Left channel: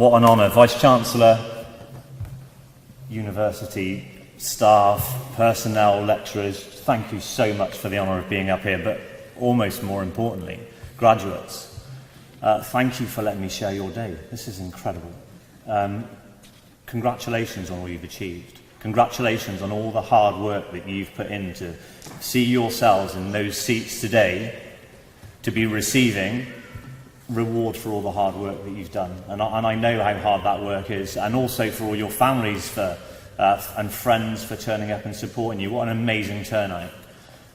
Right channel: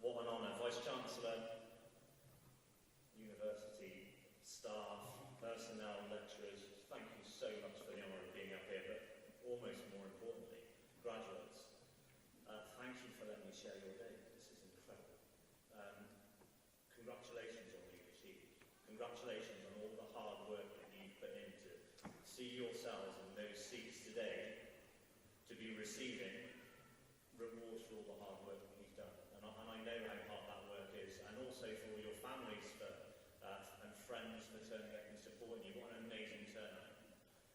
What an honour. Vice-Chancellor, university staff, personnel, lecturers, thank you so much for the honour of being up here, but almost more importantly, graduates, thank you for letting me share your day. This is incredible. Congratulations on all you've achieved. Congratulations on all the hard work that you've put in to see yourselves in those seats today, to be receiving reward for all the hard work that you've done. And I know how hard that work is, and also for all your families and friends for turning up and supporting you. What an amazing turnout.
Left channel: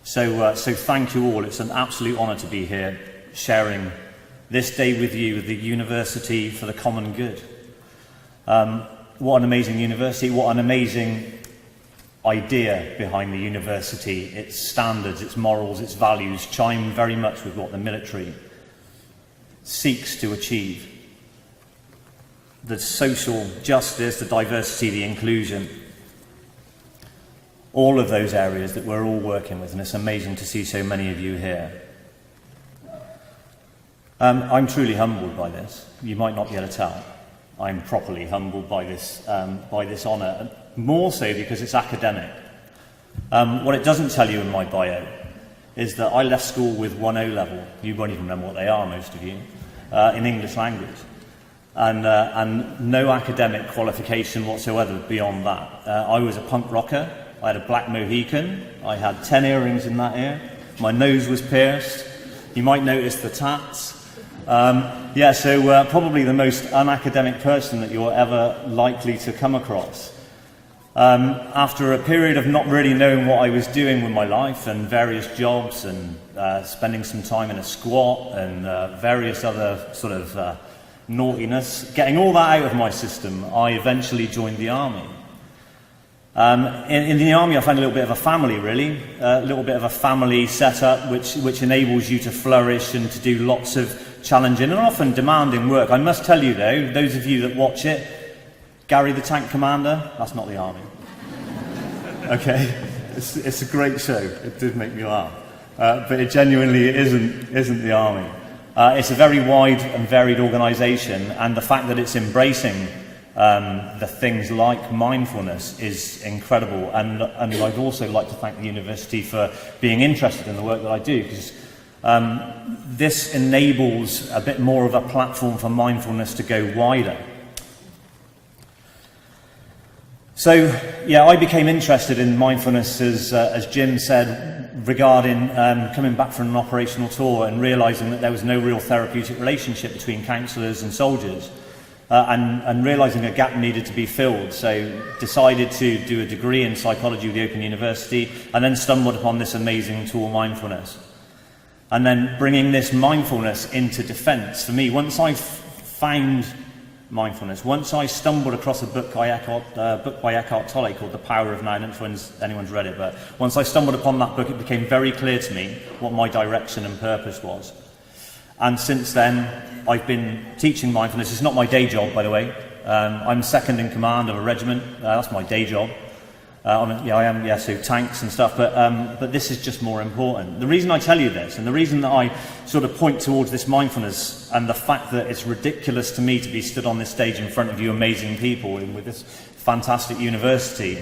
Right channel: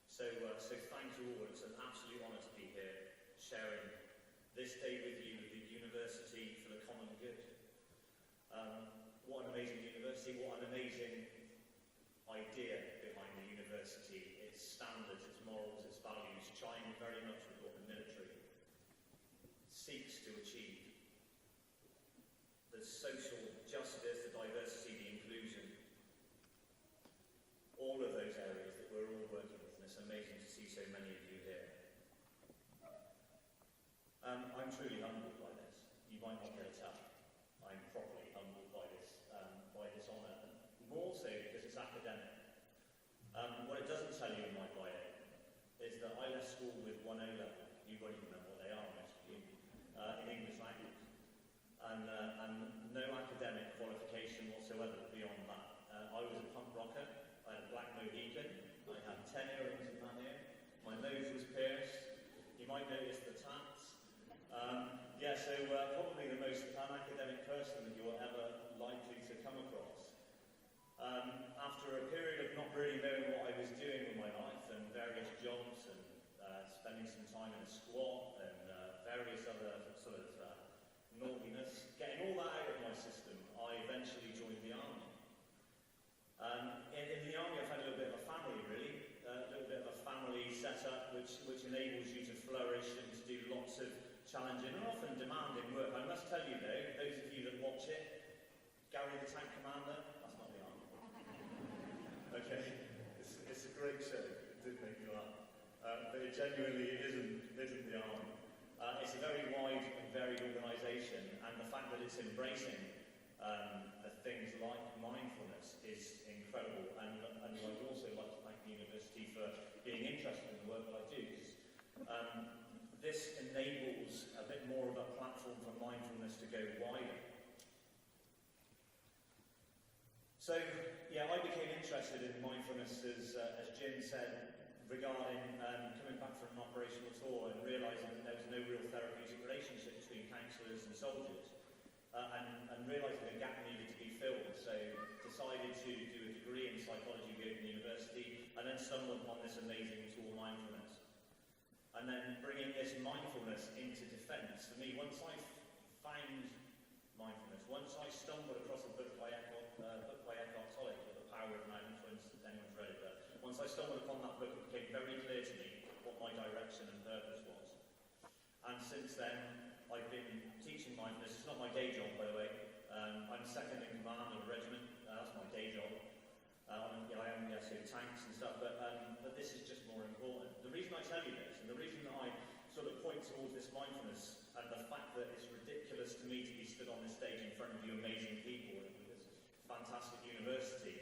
So thank you all. It's an absolute honour to be here, sharing this day with you, the University for the Common Good. What an amazing university, what an amazing idea behind the university. Its standards, its morals, its values chime very much with what the military seeks to achieve. The social justice, the diversity, the inclusion, all of those areas that we're all working with, and it's amazing to see so many of you here. I'm truly humbled by this. You might not be able to tell. I'm properly humbled by this honour, more so because it's academic. What it doesn't tell you in my bio is that I left school with 1 O-level. You won't even remember what they are, most of you, in English language. And no academic qualification whatsoever beyond that. I was a punk rocker. I had a black Mohican. I had 10 earrings in that ear. My nose was pierced. You might notice the tats. So probably the most unacademic person that you're ever likely to come across. After a period of not really knowing what I was doing with my life and various jobs and spending some time in a squat and various other sort of naughtiness, getting all that out of my system, I eventually joined the army. In the army I found a little bit of a family, really, a little bit of a family setup which enables you to flourish and to do lots of challenging and often demanding work. I must tell you though, those of you that watch it, Gary the Tank Commander, that's not the army. Okay, it's a great show. It did make me laugh, but it genuinely isn't the army. It's a very wide and varied organisation, and the fact that it's embracing the things like mindfulness is incredible. And I'd also like to thank the university for being interested in the work that I do, because this enables a bit more of a platform for mindfulness to go wider. So, yeah, I became interested in mindfulness, as Jim said, regarding coming back from an operational tour and realising that there was no real therapeutic relationship between counsellors and soldiers, and realising a gap needed to be filled. So decided to do a degree in psychology with the Open University, and then stumbled upon this amazing tool, mindfulness. And then bringing this mindfulness into defence. For me, once I found mindfulness, once I stumbled across a book by Eckhart Tolle called The Power of Now. I don't know if anyone's read it, but once I stumbled upon that book, it became very clear to me what my direction and purpose was. And since then, I've been teaching mindfulness. It's not my day job, by the way. I'm second in command of a regiment. That's my day job. So tanks and stuff, but this is just more important. The reason I tell you this, and the reason that I sort of point towards this mindfulness and the fact that it's ridiculous to me to be stood on this stage in front of you amazing people and with this fantastic university,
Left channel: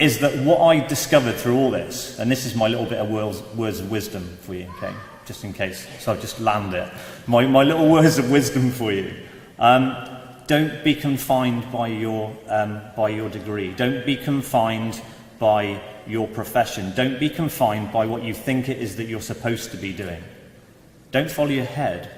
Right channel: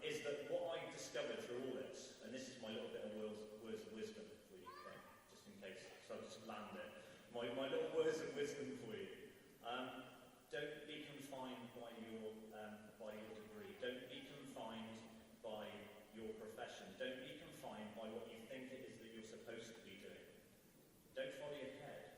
is that what I discovered through all this, and this is my little bit of words of wisdom for you, okay, just in case, so I'll just land it. My little words of wisdom for you. Don't be confined by your degree. Don't be confined by your profession. Don't be confined by what you think it is that you're supposed to be doing. Don't follow your head.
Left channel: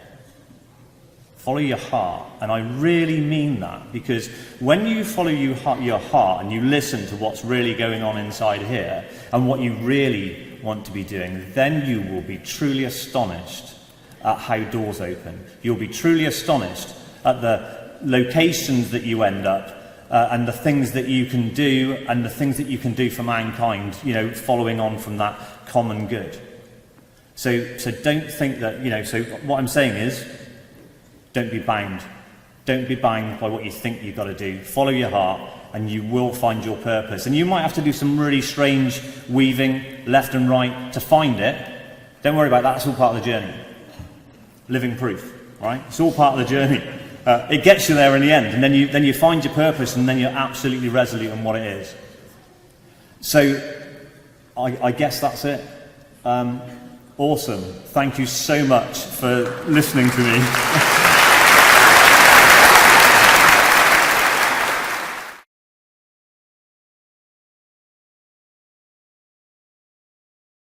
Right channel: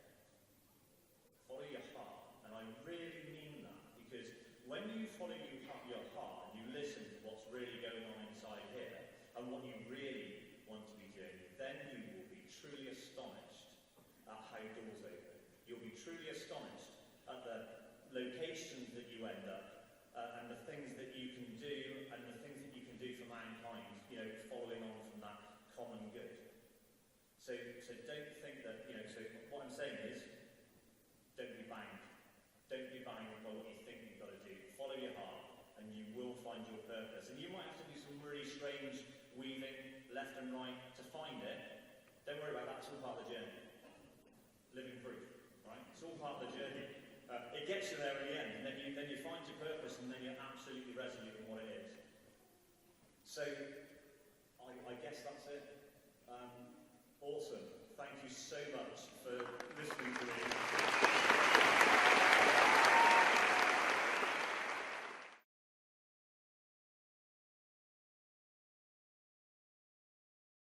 Follow your heart. And I really mean that, because when you follow your heart and you listen to what's really going on inside here and what you really want to be doing, then you will be truly astonished at how doors open. You'll be truly astonished at the locations that you end up, and the things that you can do, and the things that you can do for mankind, following on from that common good. So don't think that, so what I'm saying is, don't be bound. Don't be bound by what you think you've got to do. Follow your heart, and you will find your purpose. And you might have to do some really strange weaving left and right to find it. Don't worry about that, it's all part of the journey. Living proof, right? It's all part of the journey. it gets you there in the end, and then you find your purpose, and then you're absolutely resolute in what it is. So I guess that's it. Awesome. Thank you so much for listening to me.